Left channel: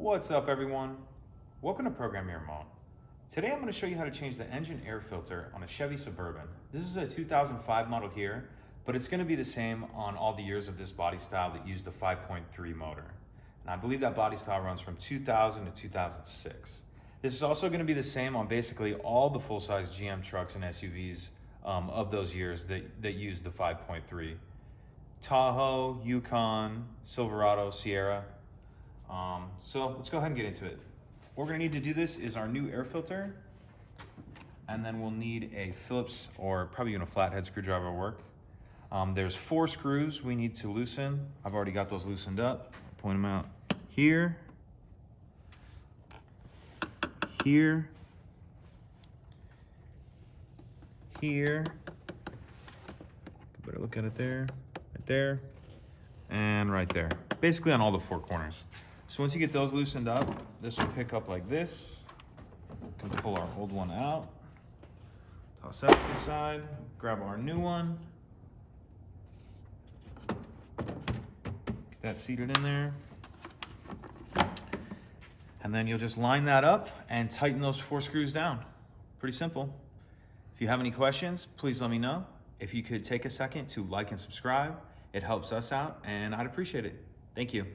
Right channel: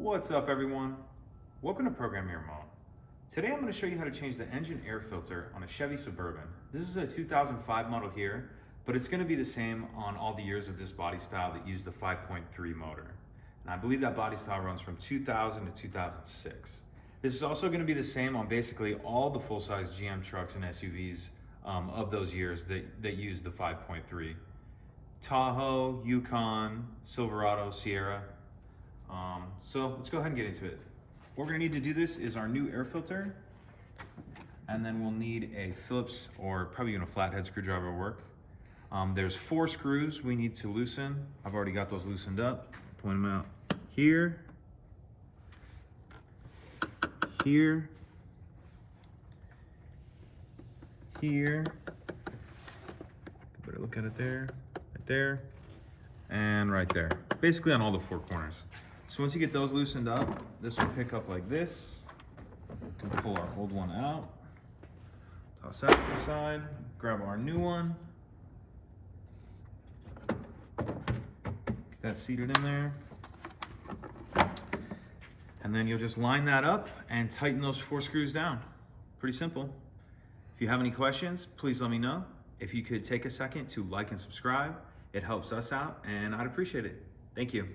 What's up, everyone? Welcome to Program Your Remote. Today I'm going to show you how to change the engine air filter on a Chevy Suburban. This is a 2005 model here, but it's going to be the same on all the years of this body style that use the 5.3 motor. And I believe that body style runs from 2000 to 2006. This is also going to be the same on basically all the full-size GM trucks and SUVs of those years that use the 5.3. Tahoe, Yukon, Silverado, Sierra. So let's go ahead and get into it. What we're gonna need to do this is our new air filter, and then we'll need a Phillips or probably even a flathead screwdriver will work. There's 4 screws we need to loosen. I've already got those loosened up. Point them out here, here, here. Better look at it there, right there, and right there. Basically on all the 4 corners. So once you get those loosened up, this will pick up like this. We can pull our old one out, toss that to the side, grab our new one. Get that seated in there. And then you'll just line that up and tighten those 4 screws down. Pretty simple. If you have any questions, please let me know. If you could take a second to like and subscribe, it helps us out and I'd appreciate it. Thank you.